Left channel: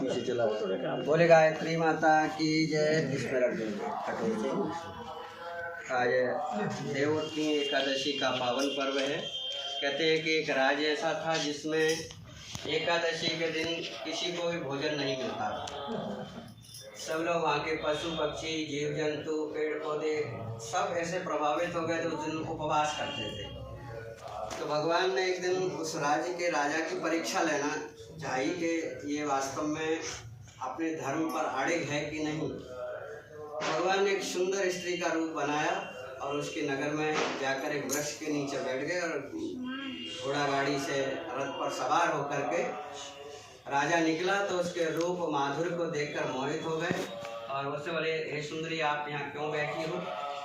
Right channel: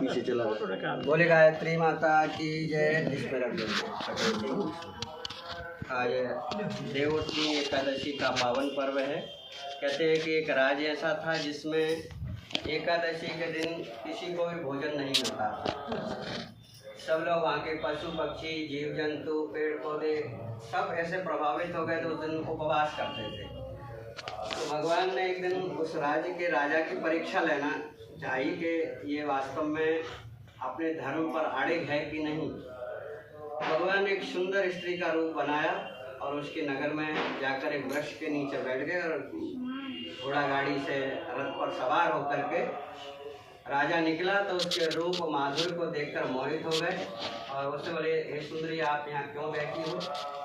पीछे चला बोले गायत्री माता की जय। इस पर आज देवोत्तमी एकादशी का पावन पर्व है। कहते हैं कि एक राज्य ऐसा था जिसमें एकादशी के दिन किसी को भी भोजन नहीं मिलता था। सब लोग वहाँ के पशु पक्षी जीव जंतु पेड़ पौधे सब ऐसे प्रभावित हो गए तो उस दिन उपवास करते थे। तो भगवान ने एक दिन उस राज्य के राजा की परीक्षा लेना चाहिए कि ये वास्तव में अपने धर्म पर अड़िग है कि नहीं। भगवान ने एक सुंदर स्त्री का रूप बनाया और उसके नगर में जाकर एक वृक्ष के नीचे बैठ गए और घोड़ा गाड़ी से रथ पर सवार होकर के राजा निकला तो उसके रूप माधुर्य को देखकर मोहित हो गए और उससे बोले, हे सुंदरी आप यहाँ क्यों बैठी हो?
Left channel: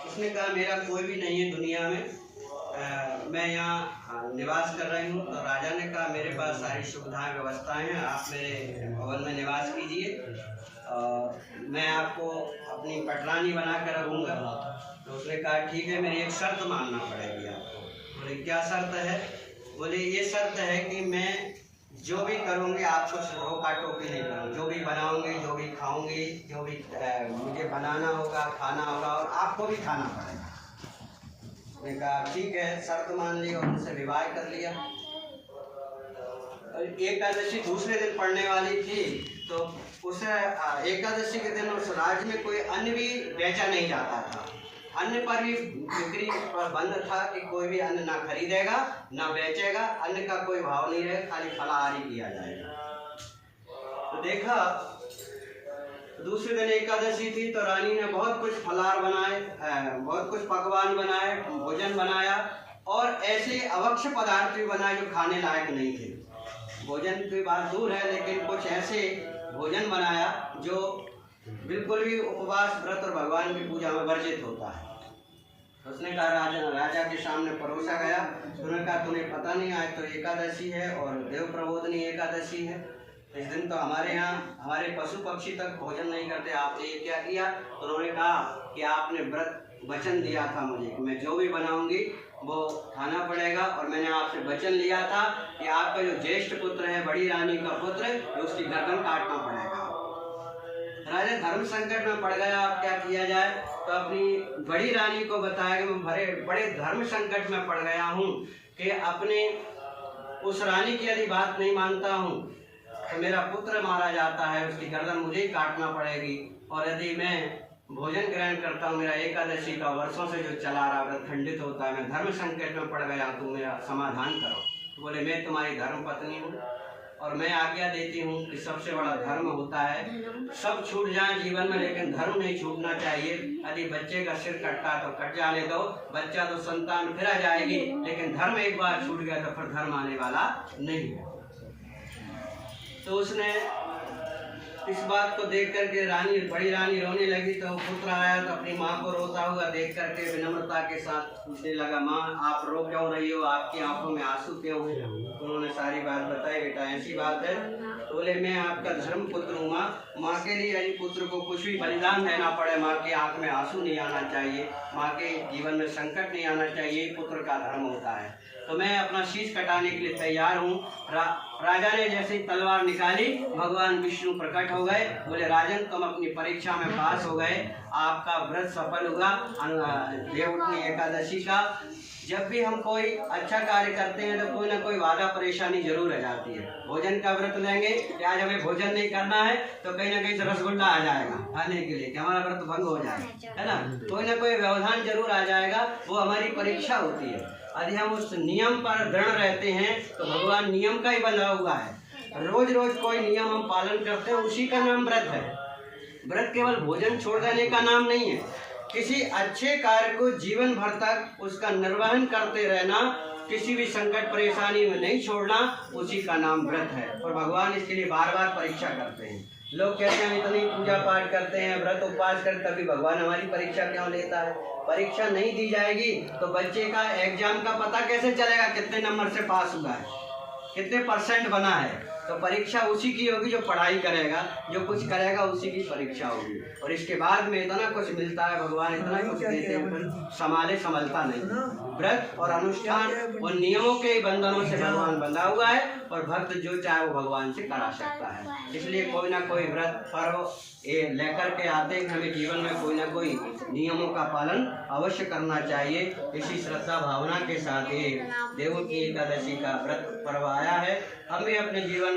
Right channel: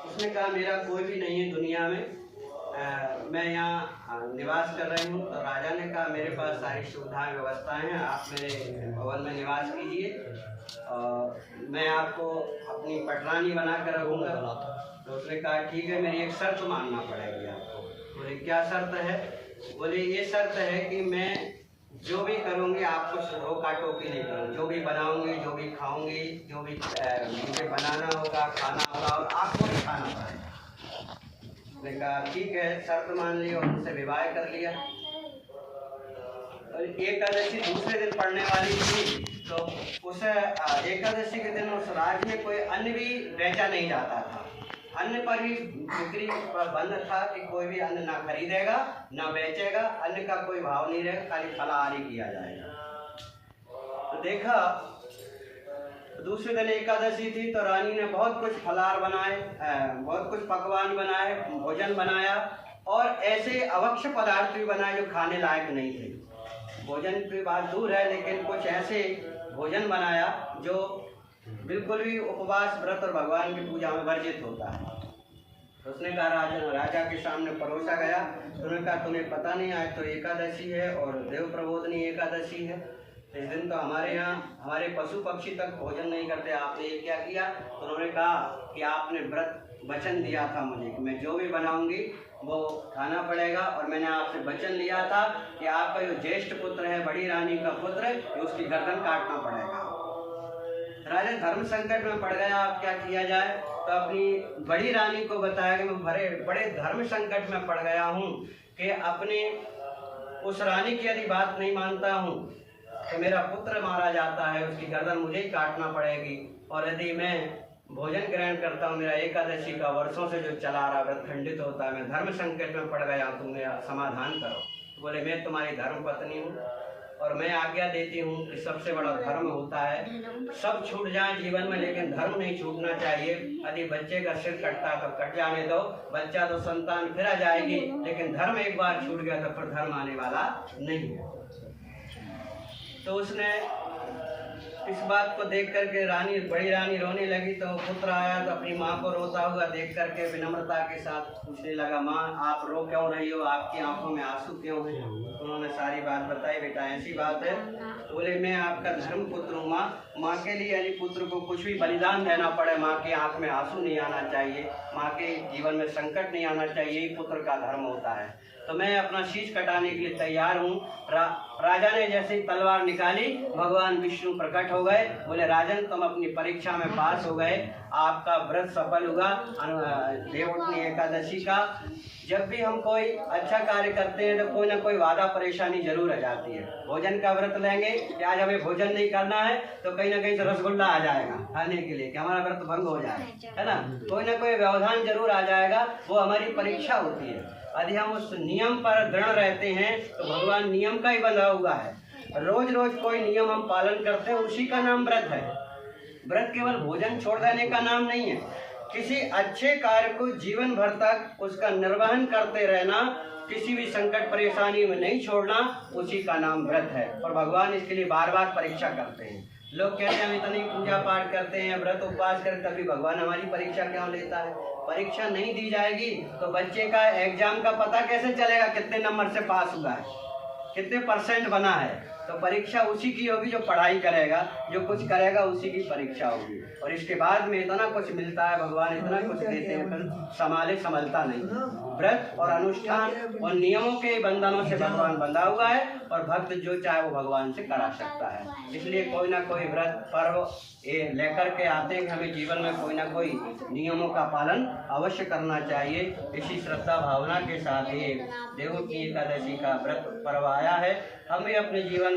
उसने कहा, मेरा कोई भी नहीं है दुनिया में, मैं यहाँ निवास कर रही हूँ। तो राजा ने कहा, मेरे पास सारी सुविधाएं व्यवस्थाएं हैं, आप मेरे भवन में निवास कीजिए और मैं आपको अपनी पटरानी बना कर रखूँगा। तो उसने कहा, ठीक है, मेरी एक शर्त मानना पड़ेगी आपको। बोले, क्या शर्त है? बोले, ये शर्त है कि मैं जो भी करूँगी आपको रोका टोकी नहीं करूँगी, जो भी बनाऊँगी, जो भी खाऊँगी, जो भी मुझे बनाना होगा, खाना होगा और आपको भी खाना पड़ेगा। उसने कहा, ठीक है, शर्त मान ली और उनसे विवाह कर लिया। एकादशी दूसरे दिन पड़ने वाली थी तो उस एकादशी के दिन उस राज्य में कोई अन्न भी बेचा नहीं जाता था। अन्न पर भी बिक्री पर बंद था कि कोई भी अन्न ना खरीदेगा ना बेचेगा, अन्न का कोई भाव नहीं रहेगा, खाली फलाहारी किया जाएगा। तो देखा दूसरे दिन एकादशी थी तो रानी ने बहुत कुछ फलाहार बनाए, बहुत कुछ पकवान बनाए, भोजन बनाया और ऐसे अवक्ष पदार्थ भी बनाए जो खाने लायक नहीं थे। भोजन की बात दूर है, लेकिन कुछ ऐसे भोजन बनाया जो बिल्कुल भी उपवास व्रत और भगवान की पूजा में वर्जित होता है। उसने कहा, राजा के सामने परोसा गया। उन्होंने कहा, तुम्हें पता नहीं आज तो एकादशी है और देव प्रबोधनी एकादशी है, इस दिन तो हमारे यहाँ हमारे पशु पक्षी तक भोजन नहीं करते, आपने ये क्या किया? तो उन्होंने कहा कि आपने व्रत वचन दिया था मुझे कि मैं जो भी बनाऊंगी वो खाना पड़ेगा और मैंने आपसे वचन लिया था कि आपका जो ज्येष्ठ पुत्र है, बड़ी रानी का पुत्र, उसकी गर्दन काटना पड़ेगा। राजा धर्म संकट में पड़ गया, अब क्या किया जाए? तो अपनी बड़ी रानी को बताया कि मैं बड़े धर्म संकट में पड़ गया हूँ कि अपने उस रानी की यदि बात नहीं मानता हूँ तो मेरा पुत्र मारा जाता है, उसकी गर्दन मुझे ही काटना पड़ेगी। और यदि मैं भोजन ग्रहण करता हूँ, मेरा एकादशी का वर्षों से जो चला रहा व्रत खंडित होता है, मैं धर्म संकट में पड़ गया, तुम मेरा समाधान करो। तो बोले, मैं तुम्हारी धर्म पत्नी हूँ और मैं आज्ञा देती हूँ कि सबसे बड़ा धर्म होता है, सब छूट जाए जीवन में लेकिन धर्म नहीं छूटना चाहिए। यदि बच्चे का सिर कटता तो कट जाने दो, बच्चा तो संतान फिर आ जाएगी, लेकिन धर्म एक बार छूट गया तो फिर धर्म आने वाला नहीं है। तो उसने इस बात को देख करके बड़ी रानी रोने लगी। तो पुत्र आया तो अपनी माँ को रोता हुआ देख करके विनम्रता के साथ पूछने लगा, माँ आप रो क्यों रही हो, आपकी आंखों में आंसू क्यों हैं? उन्होंने सारी बात बताई। बेटा ऐसी बात है, तो बोले, मैं आपका धर्म पुत्र हूँ माँ के लिए यदि पुत्र को कुछ भी बलिदान देना पड़े, माँ की आंख में आंसू नहीं आना चाहिए, माँ के जीवन में संकट नहीं आना चाहिए, पुत्र का धर्म होता है। तो मैं अपना शीश कटाने के लिए तैयार हूँ। राजा ने जैसे ही तलवार निकाली, भगवान विष्णु प्रकट हो गए। बोले, राजन तुम अपनी परीक्षा में पास हो गए, आपका व्रत सफल हुआ देवोत्तमी एकादशी का। जब भी हम कोई अच्छा कार्य करते हैं तो कोई ना कोई बाधा परेशानी जरूर आ जाती है। भोजन का व्रत लेंगे कि आज हमें भोजन नहीं करना है तो कहीं ना कहीं से रसगुल्ला आ जाएगा खाने के लिए कि हमारा व्रत भंग हो जाए, है ना? कोई ना कोई व्यवधान जरूर आ जाएगा, वो हमारी परीक्षा होती है। यदि हम उस नियम पर दृढ़ रहते हैं तो भगवान नियम का ही बना हुआ है। रोज रोज कोई नियम हम पालन करते हैं, उसी का नाम व्रत है। व्रत केवल भोजन छोड़ देने का नाम नहीं है, किसी अच्छे कार्य को जीवन भर तक उसका निर्वहन करते रहना, किसी भी संकट परेशानी में नहीं छोड़ना, उसी का नाम व्रत है। और भगवान इसके लिए बार बार परीक्षा करते हैं। लोग कहते हैं हम इतनी पूजा पाठ करते हैं, व्रत उपवास करते, तभी भगवान हमारी परीक्षा क्यों लेता है? परीक्षा नहीं दी जाएगी तो बच्चे का एग्जाम का पता कैसे चलेगा कितने नंबर से पास हुआ है, कितने % बना है? तो परीक्षा उसी की होगी जो पढ़ाई करेगा, जो कुछ करेगा उसी की परीक्षा होगी। और इसके बाद में इतना कुछ मिलता है, भगवान इतना कुछ देते हैं, पर संभलता नहीं। व्रत और अनुष्ठान और नियमों के बंधनों से भगवान बंधा हुआ है, और भक्त जो चाहे वो भगवान से करा सकता है। इसलिए कोई ना कोई व्रत पर्व ये लेकर के आते हैं, हमें जीवन में कोई ना कोई नियमों का पालन अवश्य करना चाहिए। इसी श्रद्धा भावना के साथ ये देवों की एकादशी का व्रत पर्व आया है। हम भी अपने जीवन